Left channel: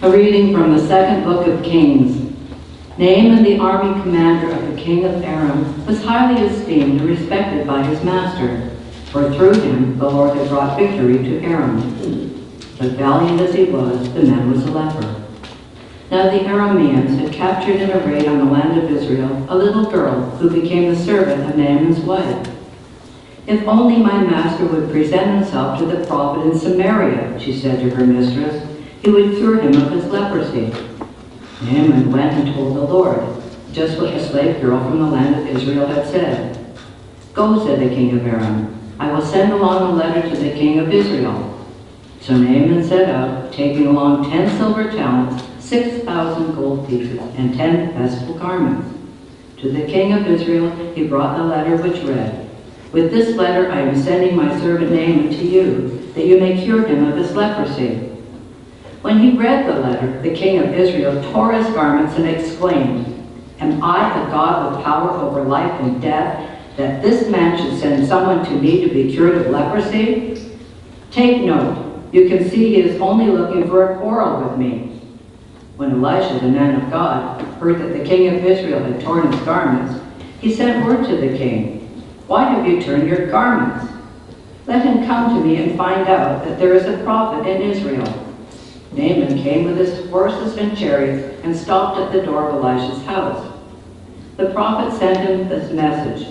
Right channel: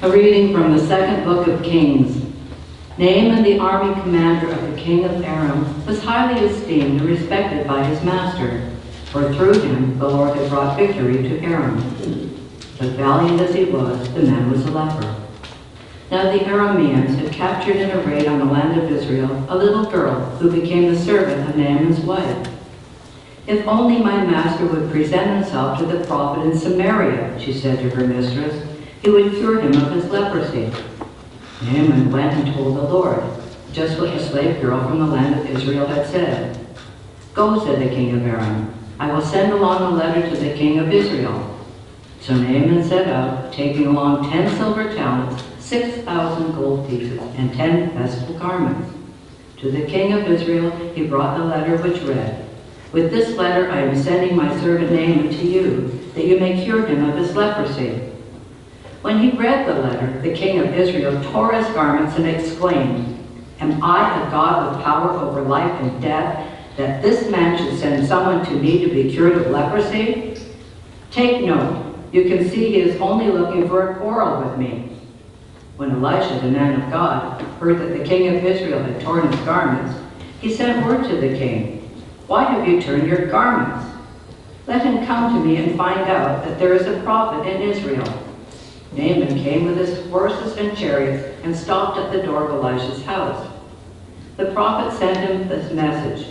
A reading from the second book of Kings. Naaman, the army commander of the king of Aram, was highly esteemed and respected by his master, for through him the Lord had brought victory to Aram. But valiant as he was, the man was a leper. Now the Arameans had captured in a raid on the land of Israel a little girl who became the servant of Naaman's wife. "If only my master would present himself to the prophet in Samaria," she said to her mistress, "he would cure him of his leprosy." Naaman went and told the Lord, just what the slave girl from the land of Israel had said. "Go," said the king of Aram, "I will send along a letter to the king of Israel." So Naaman set out, taking along 10 silver talents, 6,000 gold pieces, and 10 festival garments. To the king of Israel he brought the letter which read, "With this letter I am sending my servant Naaman to you, that you may cure him of his leprosy." When he read the letter, the king of Israel tore his garments and exclaimed, "Am I a God with power over life and death, that this man should send someone to me to be cured of leprosy? Take note, you can see he is only looking for a quarrel with me." When Elisha, the man of God, heard that the king of Israel had torn his garments, he sent word to the king, "Why have you torn your garments? Let him come to me and find out that there is a prophet in Israel." Naaman came with his horses and chariots and stopped at the door of Elisha's house. The prophet sent him this message,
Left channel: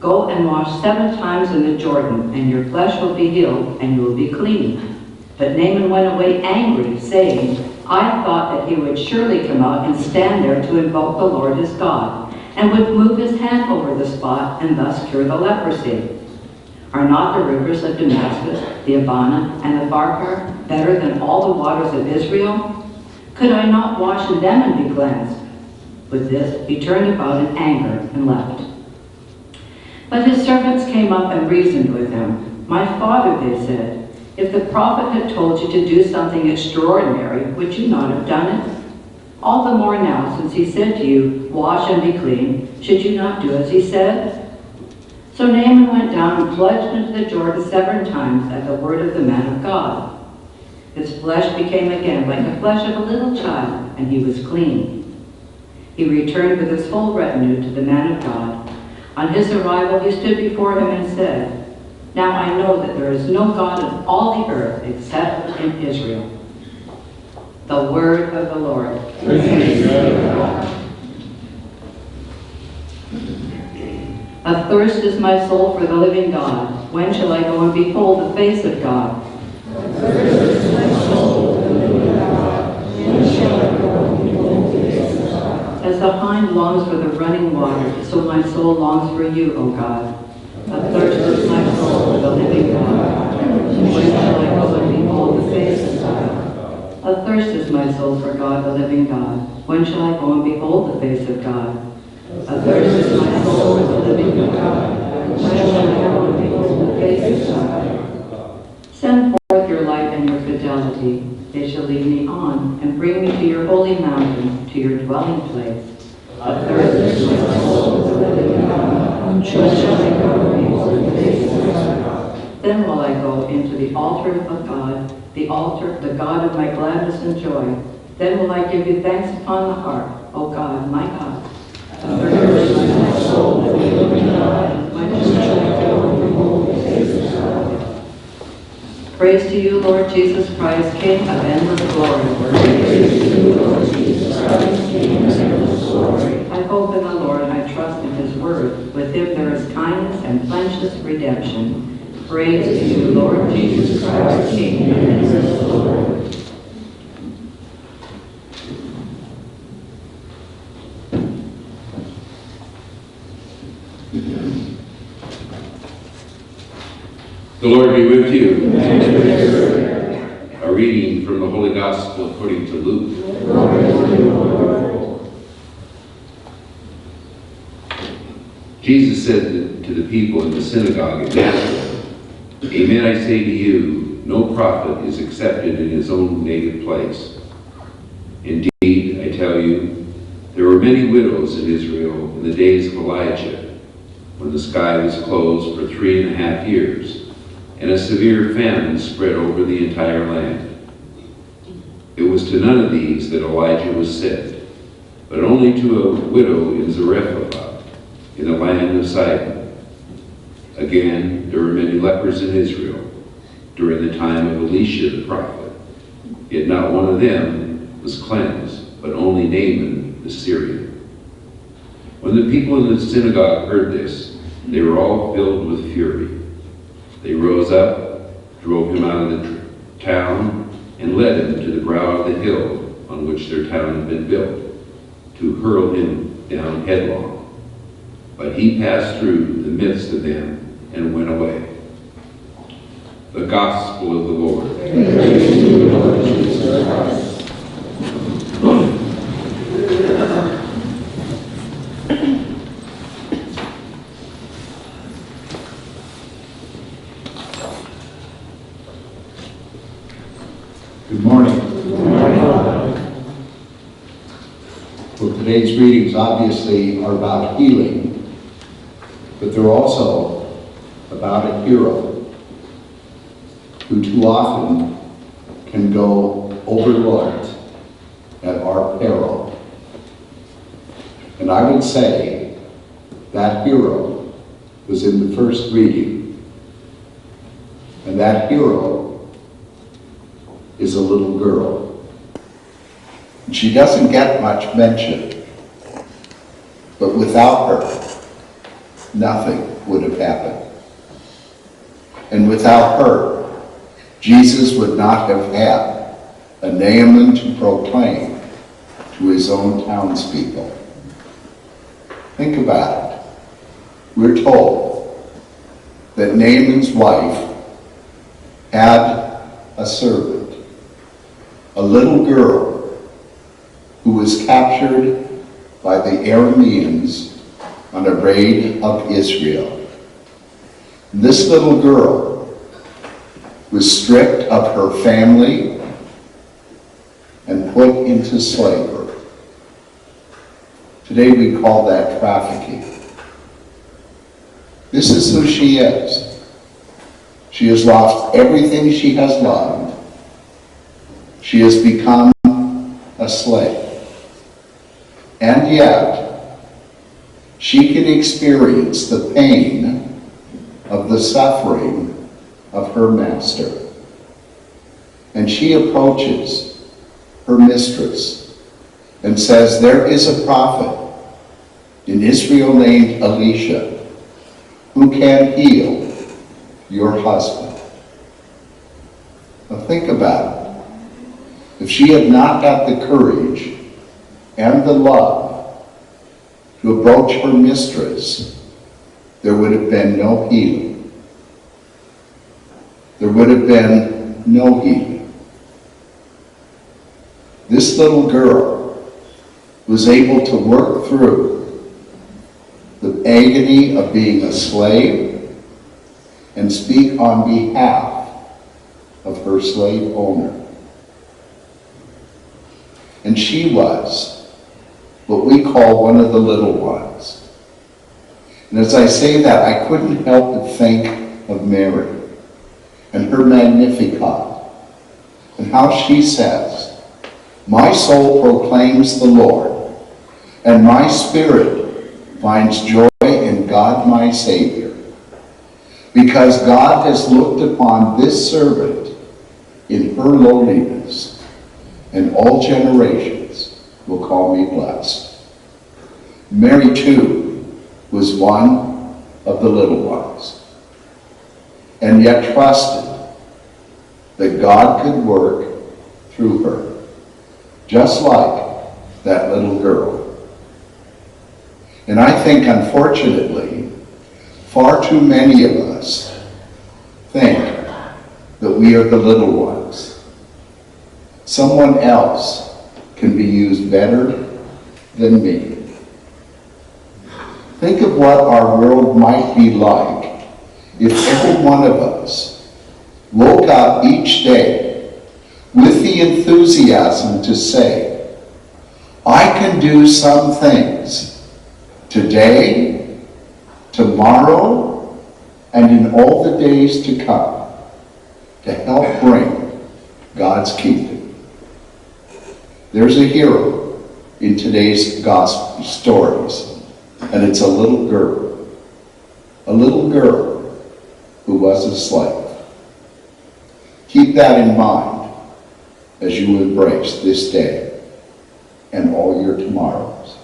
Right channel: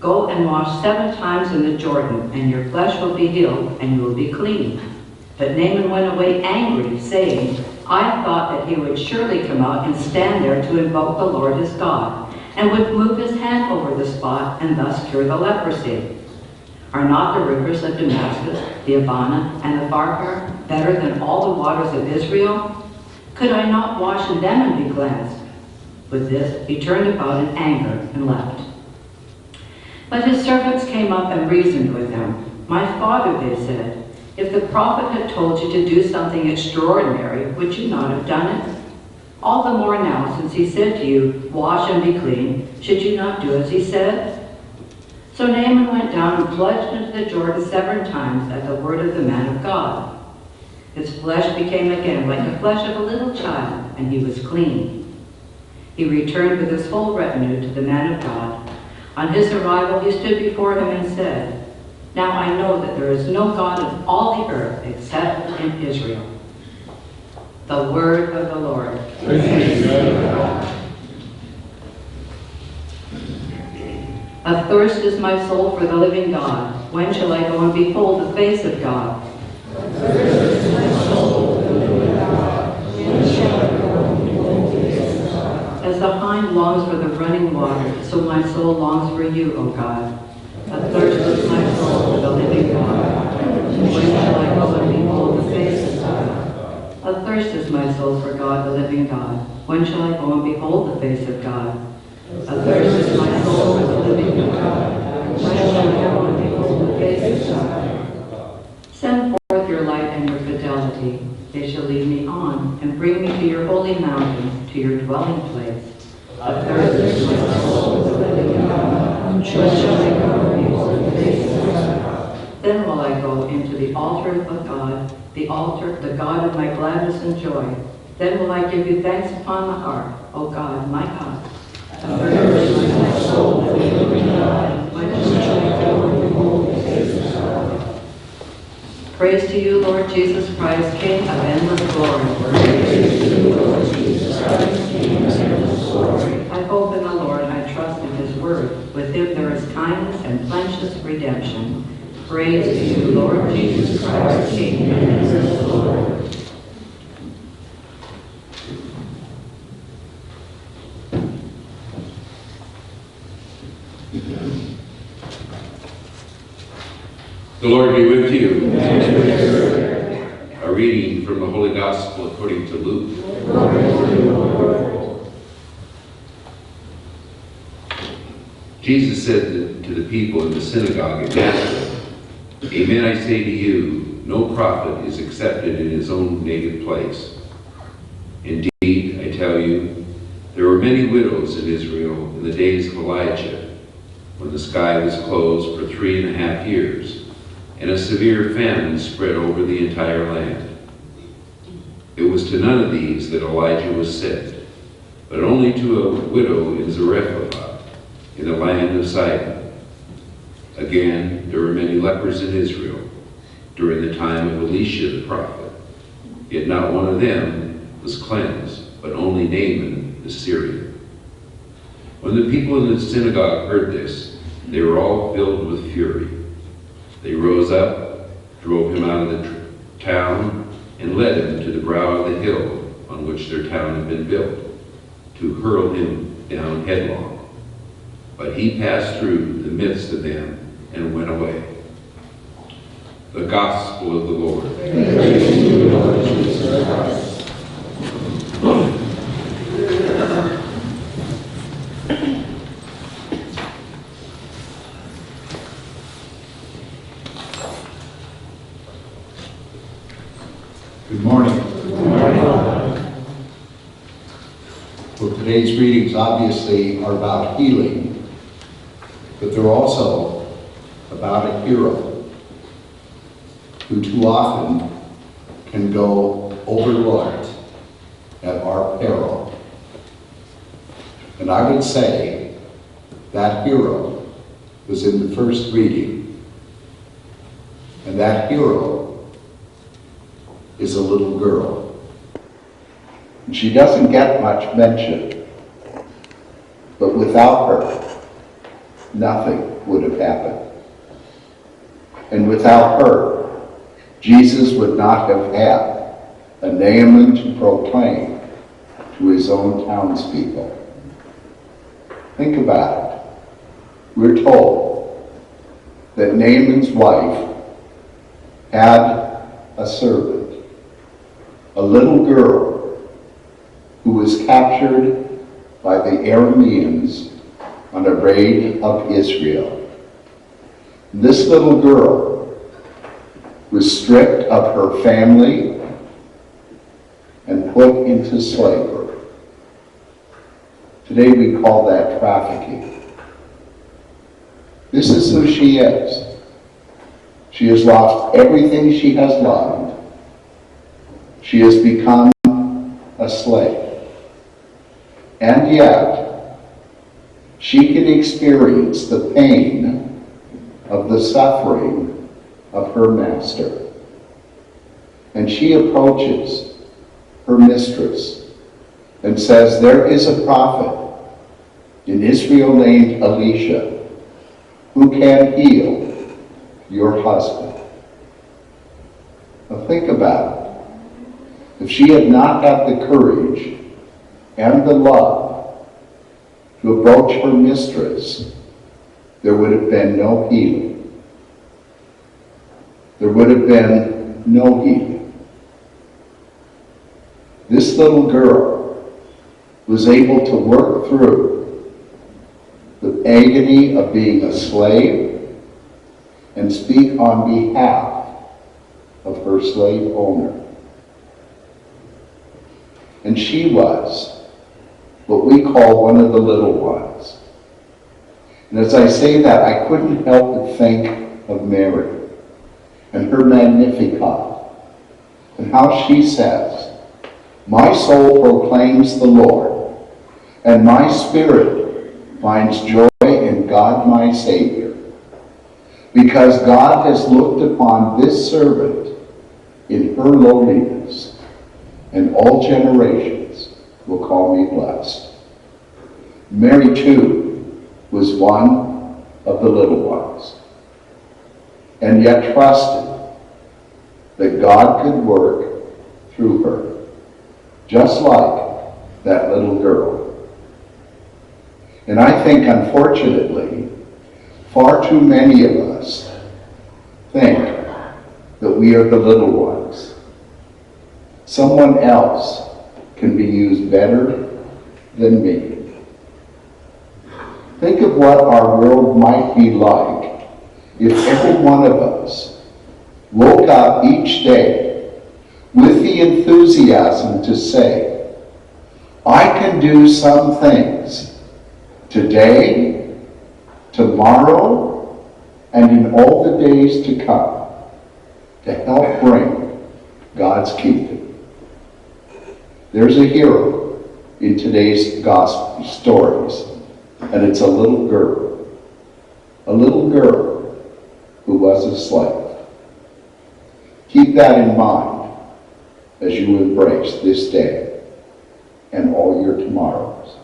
"Go and wash 7 times in the Jordan, and your flesh will be healed, and you will be clean." But Naaman went away angry, saying, "I thought that he would surely come out and stand there to invoke the Lord his God, and would move his hand over the spot and thus cure the leprosy. Are not the rivers of Damascus, the Abana, and the Pharpar better than all the waters of Israel? Could I not wash in them and be cleansed?" With this, he turned about in anger and left. But his servants came up and reasoned with him. "My father," they said, "if the prophet had told you to do something extraordinary, would you not have done it? All the more now, since he said to you, 'Wash and be clean,' should you not do as he said?" So Naaman went down and plunged into the Jordan 7 times at the word of the man of God. His flesh became again like the flesh of a little child, and he was clean. He returned with his whole retinue to the man of God. On his arrival he stood before him and said, "Now I know that there is no God in all the earth except in Israel." The word of the Lord. Praise God. Athirst is my soul for the living God. When shall I go and behold the face of God? Athirst is my soul for the living God. When shall I go and behold the face of God? As the hind longs for the running water, so my soul longs for you, O God. Athirst is my soul for the living God. When shall I go and behold the face of God? Athirst is my soul for God, the living God. When shall I go and behold the face of God? Athirst is my soul for the living God. When shall I go and behold the face of God? Send forth your light and your fidelity. They shall lead me on and bring me to your holy mountain, to your dwelling place. Athirst is my soul for the living God. When shall I go and behold the face of God? Then will I go into the altar of God, the altar, the God of my gladness and joy. Then will I give you thanks upon the harp, O God, my God. Athirst is my soul for the living God. When shall I go and behold the face of God? Praise to you, Lord Jesus Christ, King of endless glory. Praise to you, Lord Jesus Christ, King of endless glory. I hope in the Lord, I trust in his word. With him there is kindness and plenteous redemption. Praise to you, Lord Jesus Christ, King of endless glory. The Lord be with you. A reading from the Holy Gospel according to Luke. Jesus said to the people in the synagogue at Nazareth, Amen, I say to you, no prophet is accepted in his own native place. Indeed, I tell you, there were many widows in Israel in the days of Elijah, when the sky was closed for 3.5 years, and a severe famine spread over the entire land. It was to none of these that Elijah was sent, but only to a widow in Zarephath, in the land of Sidon. Again, there were many lepers in Israel during the time of Elisha the prophet, yet not one of them was cleansed, but only Naaman the Syrian. When the people in the synagogue heard this, they were all filled with fury. They rose up, drove him out of the town, and led him to the brow of the hill on which their town had been built, to hurl him down headlong. But he passed through the midst of them and went away. The Gospel of the Lord. Praise to you, Lord Jesus Christ. Good morning. Well, today's readings obviously are about healing, but they're also about a hero who too often can go overlooked at our peril. And I would say that hero was in the first reading, and that hero is a little girl. She doesn't get much mention, but without her, nothing would have happened. And without her, Jesus would not have had a Naaman to proclaim to his own townspeople. Think about it. We're told that Naaman's wife had a servant, a little girl who was captured by the Arameans on a raid of Israel. This little girl was stripped of her family and put into slavery. Today we call that trafficking. This is who she is. She has lost everything she has loved. She has become a slave. And yet, she can experience the pain of the suffering of her master. And she approaches her mistress and says, there is a prophet in Israel named Elisha who can heal your husband. Now think about it. If she had not had the courage and the love to approach her mistress, there would have been no healing. There would have been no healing. This little girl was able to work through the agony of being a slave and speak on behalf of her slave owner. And she was what we call one of the little ones. And as I say that, I couldn't help but think of Mary and her Magnificat, and how she says, my soul proclaims the Lord, and my spirit finds joy in God my Savior, because God has looked upon this servant in her lowliness, and all generations will call me blessed. Mary, too, was one of the little ones, and yet trusted that God could work through her, just like that little girl. And I think, unfortunately, far too many of us think that we are the little ones. Someone else can be used better than me. Think of what our world might be like if every one of us woke up each day with the enthusiasm to say, I can do some things today, tomorrow, and in all the days to come to help bring God's kingdom. There's a hero in today's gospel stories, and it's a little girl who was a slave. Keep that in mind as you embrace this day and all your tomorrows.